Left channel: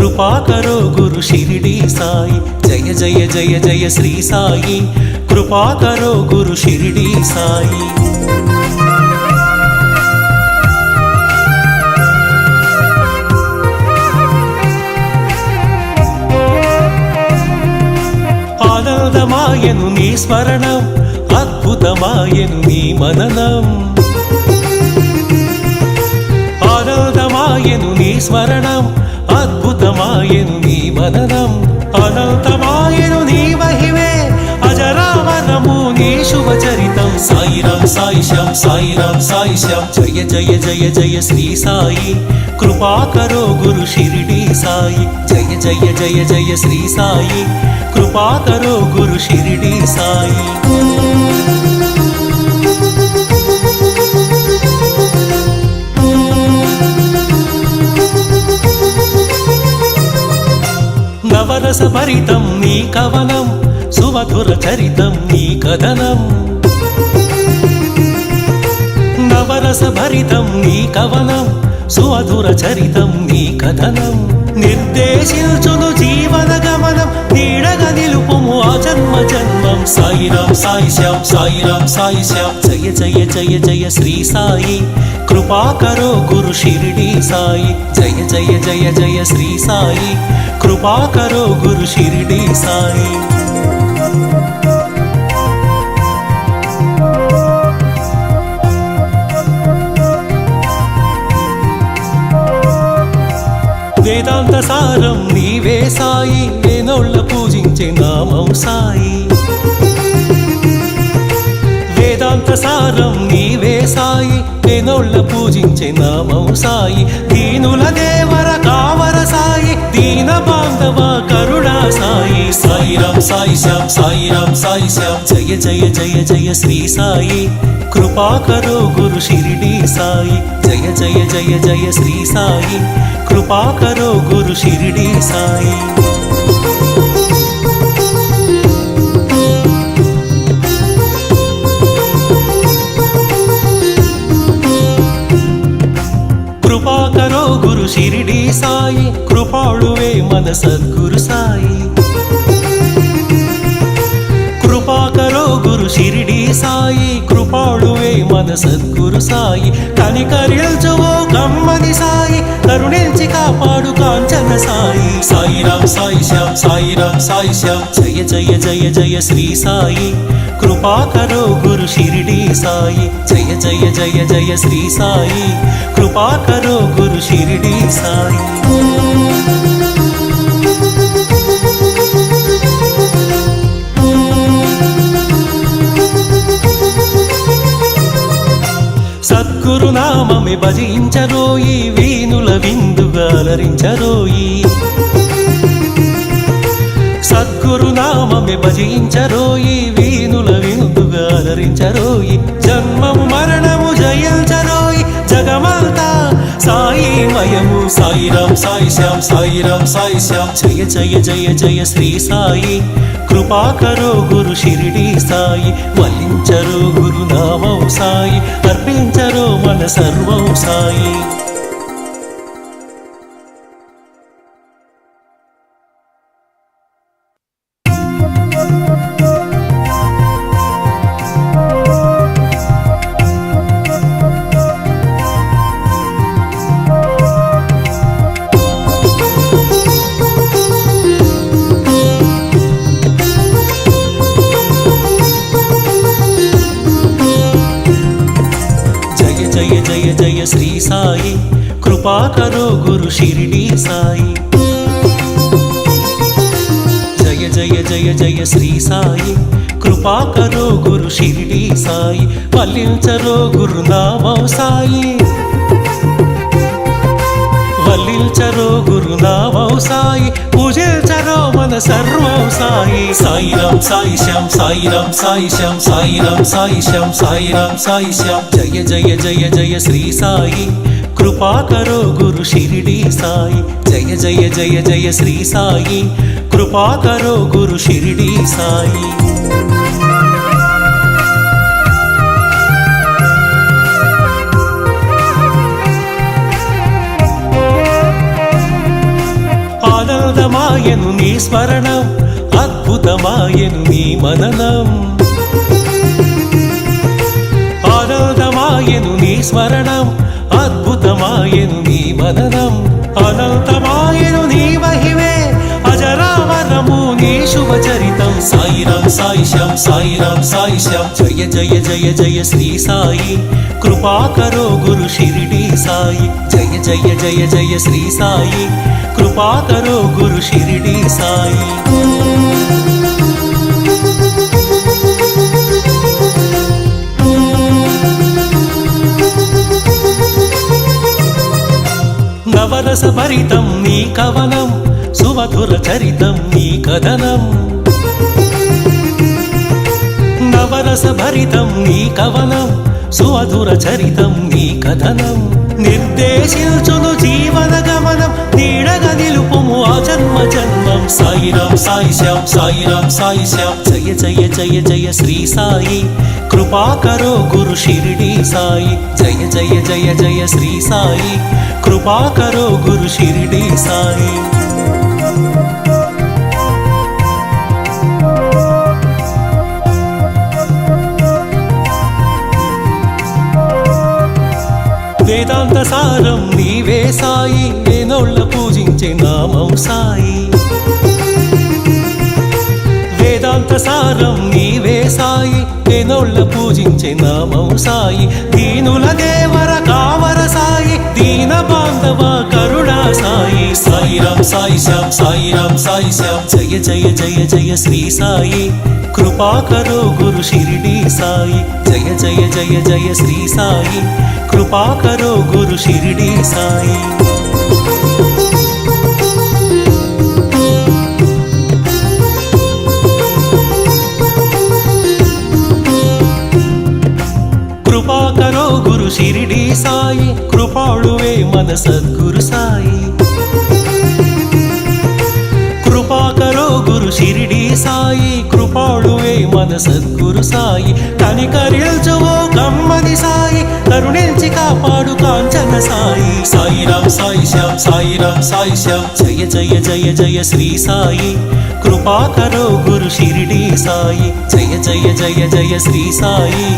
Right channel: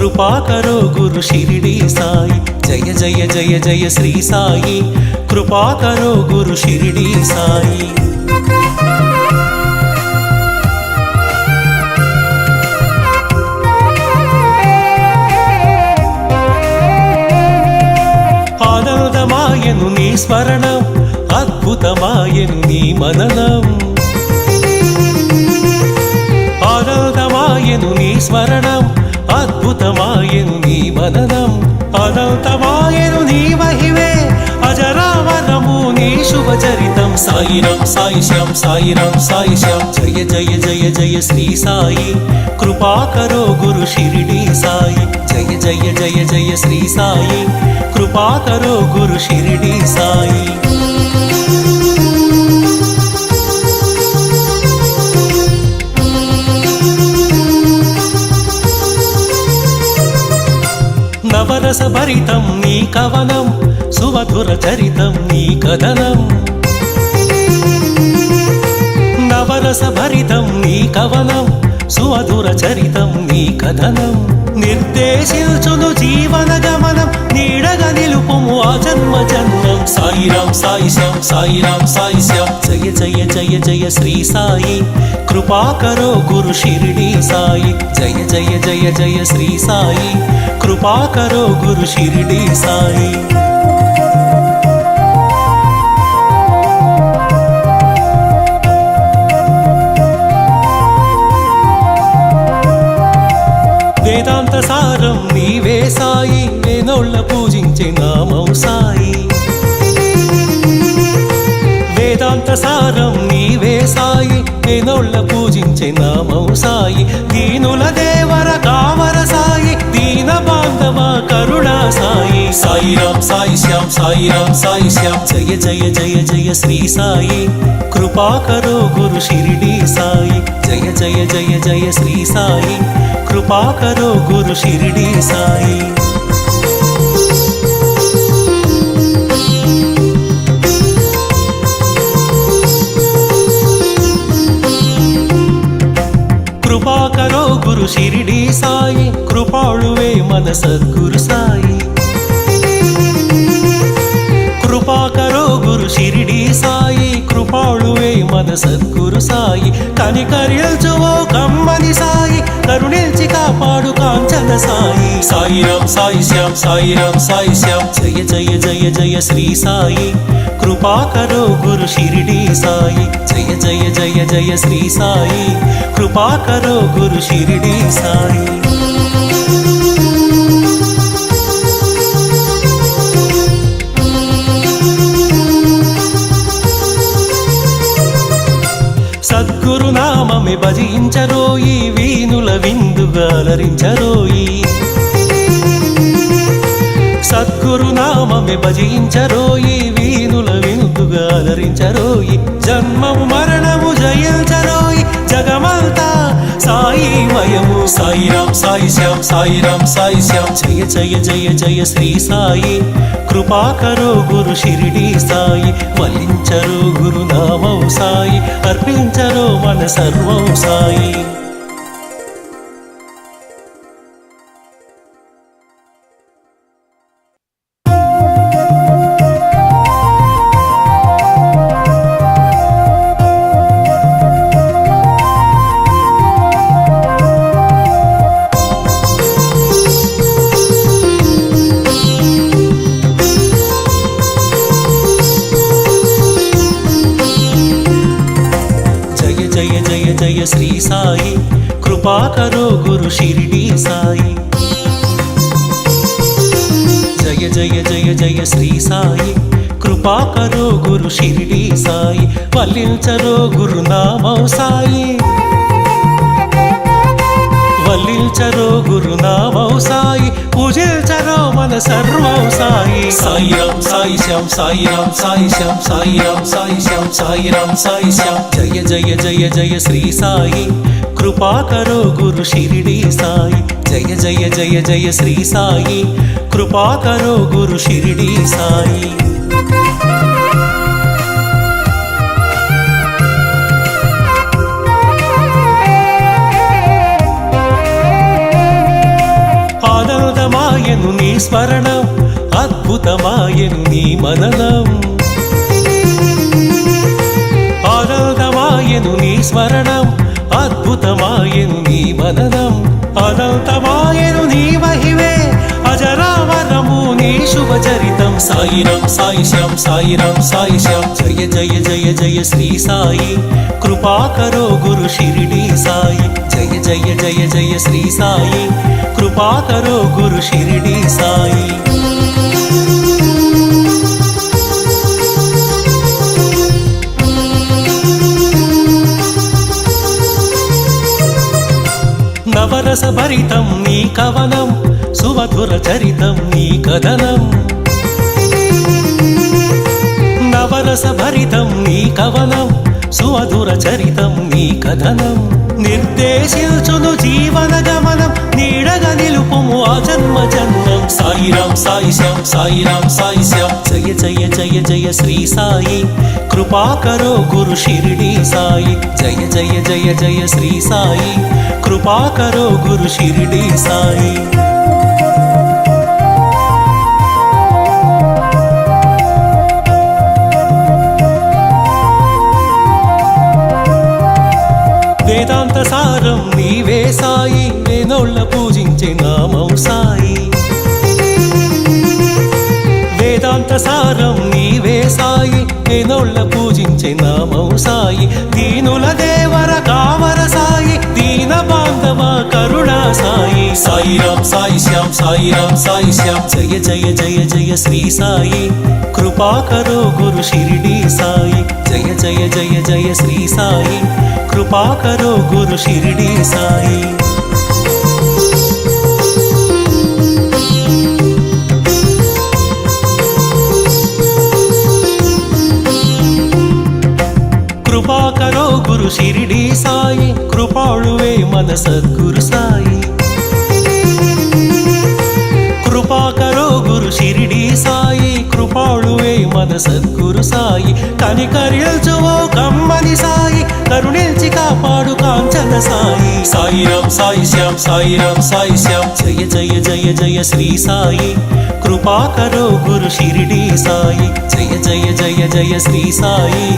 कृपा करो गुरु शिरडी साई। जय जय जय जय श्री साई, कृपा करो गुरु शिरडी साई। ఆనందమాయను నీ స్మరణం, అద్భుతమాయను నీ మననం। ఆనందమాయను నీ స్మరణం, అద్భుతమాయను నీ మననం। అనంతమాయను నీ మహిమే, అజరామరము నీ శుభచరితం। సాయిరాం సాయి శ్యామ్, సాయిరాం సాయి శ్యామ్। జయ జయ జయ జయ శ్రీ సాయి, कृपा करो गुरु शिरडी साई। जय जय जय जय श्री साई, कृपा करो गुरु शिरडी साई। नवरस भरितं नी कवनं, सुमधुर चरितं नी कथनं। नवरस भरितं नी कवनं, సుమధుర చరితం నీ కథనం। నిర్దేశించును జీవన గమనం, నీడగా నిలుపుము ఆ జన్మ జన్మం। సాయిరాం సాయి శ్యామ్, సాయిరాం సాయి శ్యామ్। జయ జయ జయ జయ శ్రీ సాయి, కృపా కరో గురు షిరిడి సాయి। జయ జయ జయ జయ శ్రీ సాయి, కృపా కరో గురు షిరిడి సాయి। వేదాంత సారం నీవే సాయి, వేనోళ్ళ పూజించే నామం సాయి। వేదాంత సారం నీవే సాయి, వేనోళ్ళ పూజించే నామం సాయి। దీనుల దేవర కావర సాయి, దీన బాంధవ కరుణా సాయి। సాయిరాం సాయి శ్యామ్, సాయిరాం సాయి శ్యామ్। జయ జయ జయ జయ శ్రీ సాయి, కృపా కరో గురు షిరిడి సాయి। జయ జయ జయ జయ శ్రీ సాయి, कृपा करो गुरु शिरडी साई। कृपा करो गुरु शिरडी साई, कृपाळुवे मन सद्गुरु साई। कृपा करो गुरु शिरडी साई, कृपाळुवे मन सद्गुरु साई। కనికరించువో కమ్మని సాయి, కరుణించి కాపాడు కాంచన సాయి। సాయిరాం సాయి శ్యామ్, సాయిరాం సాయి శ్యామ్। జయ జయ జయ జయ శ్రీ సాయి, కృపా కరో గురు షిరిడి సాయి। జయ జయ జయ జయ శ్రీ సాయి, కృపా కరో గురు షిరిడి సాయి। సద్గురు నామమే భజించరోయి, వీనుల విందుగా అలరించరోయి। సద్గురు నామమే భజించరోయి, వీనుల విందుగా అలరించరోయి। జన్మము మరణము జయించరోయి, జగమంతా సాయి మయము। సాయిరాం సాయి శ్యామ్, సాయిరాం సాయి శ్యామ్। జయ జయ జయ జయ శ్రీ సాయి, కృపా కరో గురు షిరిడి సాయి। వల్లించరో గురు నామం సాయి, అర్పించరో మన సర్వం సాయి। जय जय जय श्री साई, कृपा करो गुरु शिरडी साई। जय जय जय जय श्री साई, कृपा करो गुरु शिरडी साई। वल्लिंचरो गुरु नामं साई, వల్లించరో గురునామం సాయి, పూజించరో మన సర్వం సాయి। సాయిరాం సాయి శ్యామ్, సాయిరాం సాయి శ్యామ్, సాయిరాం సాయి శ్యామ్, సాయిరాం సాయి శ్యామ్। జయ జయ జయ జయ శ్రీ సాయి, కృపా కరో గురు షిరిడి సాయి। జయ జయ జయ జయ శ్రీ సాయి, కృపా కరో గురు షిరిడి సాయి। ఆనందమాయను నీ స్మరణం, అద్భుతమాయను నీ మననం. ఆనందమాయను నీ స్మరణం, అద్భుతమాయను నీ మననం. అనంతమాయను నీ మహిమే, అజరామరము నీ శుభచరితం. సాయిరం సాయిశ్యాం సాయిరం సాయిశ్యాం, జయ జయ జయ జయ శ్రీ సాయి, కృపాకరో గురు షిరిడి సాయి. జయ జయ జయ జయ శ్రీ సాయి, కృపాకరో గురు షిరిడి సాయి. నవరస భరితం నీ కవనం, సుమధుర చరితం నీ కథనం. నవరస భరితం నీ కవనం, సుమధుర చరితం నీ కథనం. నిర్దేశించును జీవన గమనం, నీడగా నిలుపుము ఆ జన్మ జన్మం. సాయిరం సాయిశ్యాం సాయిరం సాయిశ్యాం, జయ జయ జయ జయ శ్రీ సాయి, కృపాకరో గురు షిరిడి సాయి. జయ జయ జయ జయ శ్రీ సాయి, కృపాకరో గురు షిరిడి సాయి. వేదాంత సారం నీవే సాయి, వేనోళ్ళ పూజించే నామం సాయి. వేదాంత సారం నీవే సాయి, వేనోళ్ళ పూజించే నామం సాయి. దీనుల దేవర కావర సాయి, దీన బాంధవ కరుణా సాయి. సాయిరం సాయిశ్యాం సాయిరం సాయిశ్యాం, జయ జయ జయ జయ శ్రీ సాయి, కృపాకరో గురు షిరిడి సాయి. జయ జయ జయ జయ శ్రీ సాయి, కృపాకరో గురు షిరిడి సాయి. కృపాకరో గురు షిరిడి సాయి, కృపాళువే మన సద్గురు సాయి. కృపాకరో గురు షిరిడి సాయి, కృపాళువే మన సద్గురు సాయి. కనికరిల్చువో కమ్మని సాయి, కరుణించి కాపాడు కాంచన సాయి. సాయిరం సాయిశ్యాం సాయిరం సాయిశ్యాం, జయ జయ జయ జయ శ్రీ సాయి, కృపాకరో గురు షిరిడి సాయి. జయ జయ జయ జయ శ్రీ సాయి,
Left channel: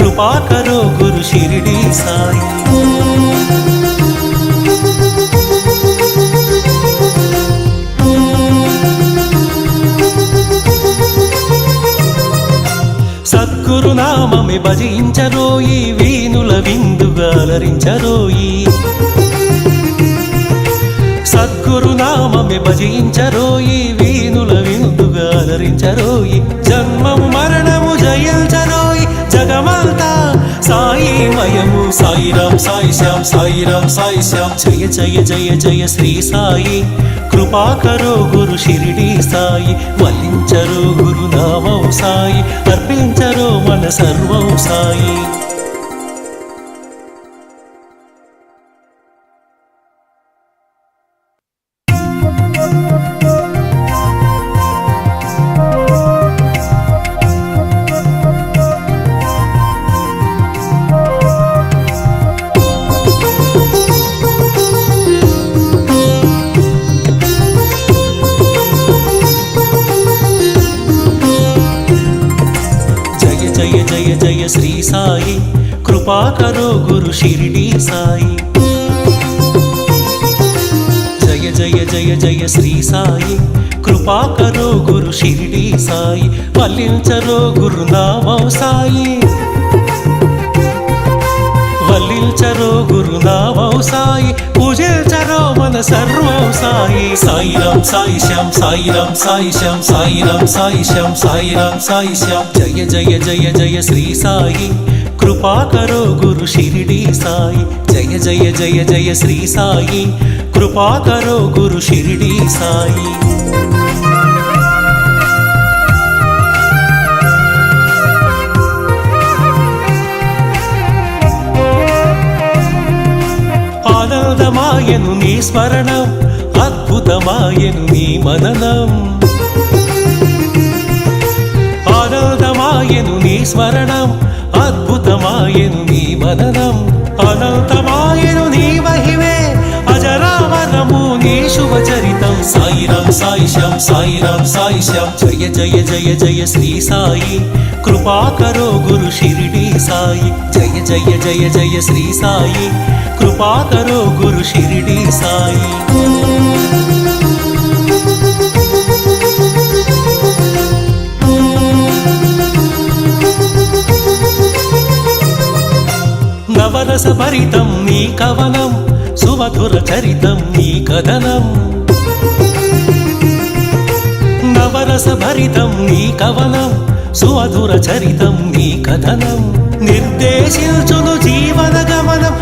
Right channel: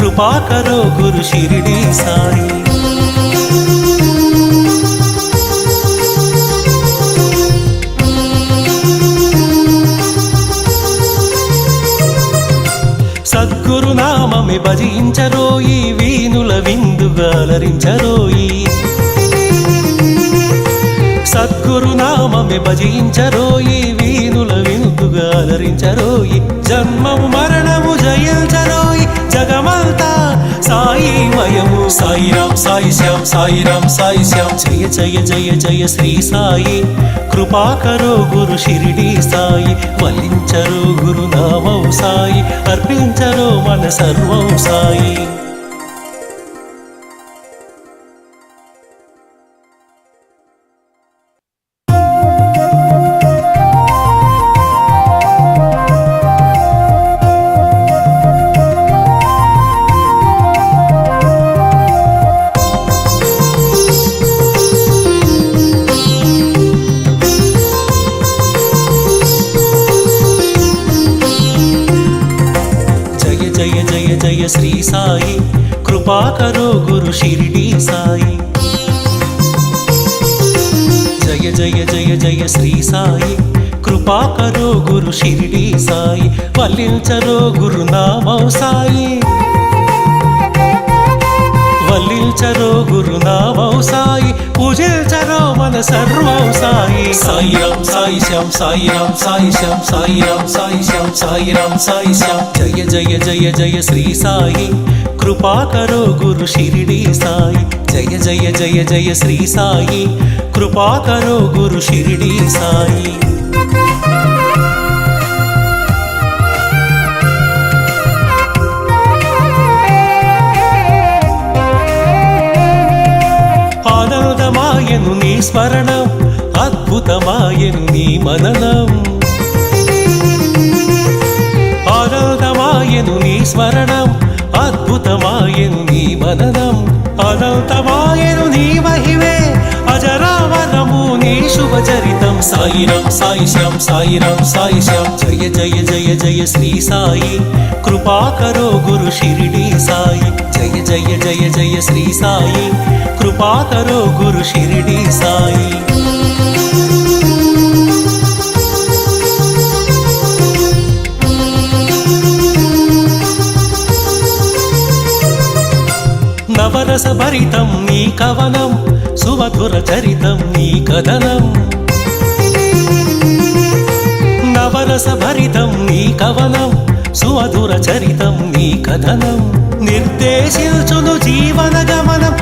కృపాకరో గురు షిరిడి సాయి. సద్గురు నామమే భజించరోయి, వీనుల విందుగా అలరించరోయి. సద్గురు నామమే భజించరోయి, వీనుల విందుగా అలరించరోయి. జన్మము మరణము జయించరోయి, జగమంతా సాయి మయము. సాయిరం సాయిశ్యాం సాయిరం సాయిశ్యాం, జయ జయ జయ జయ శ్రీ సాయి, కృపాకరో గురు షిరిడి సాయి. వల్లించరో గురు నామం సాయి, అర్పించరో మన సర్వం సాయి. జయ జయ జయ శ్రీ సాయి, కృపాకరో గురు షిరిడి సాయి. జయ జయ జయ జయ శ్రీ సాయి, కృపాకరో గురు షిరిడి సాయి. వల్లించరో గురు నామం సాయి, వల్లించరో గురు నామం సాయి, పూజించరో మన సర్వం సాయి. సాయిరం సాయిశ్యాం సాయిరం సాయిశ్యాం సాయిరం సాయిశ్యాం సాయిరం సాయిశ్యాం, జయ జయ జయ జయ శ్రీ సాయి, కృపాకరో గురు షిరిడి సాయి. జయ జయ జయ జయ శ్రీ సాయి, కృపాకరో గురు షిరిడి సాయి. ఆనందమాయను నీ స్మరణం, అద్భుతమాయను నీ మననం. ఆనందమాయను నీ స్మరణం, అద్భుతమాయను నీ మననం. అనంతమాయను నీ మహిమే, భజరావరము నీ శుభ చరితం సాయిరం సాయిశ్యాం సాయిరం సాయిశ్యాం జయ జయ జయ జయ శ్రీ సాయి కృపాకరో గురు షిరిడి సాయి జయ జయ జయ జయ శ్రీ సాయి కృపాకరో గురు షిరిడి సాయి నవరస భరితం నీ కవనం సుమధుర చరితం నీ కథనం నవరస భరితం నీ కవనం సుమధుర చరితం నీ కథనం నిర్దేశించును జీవన గమనం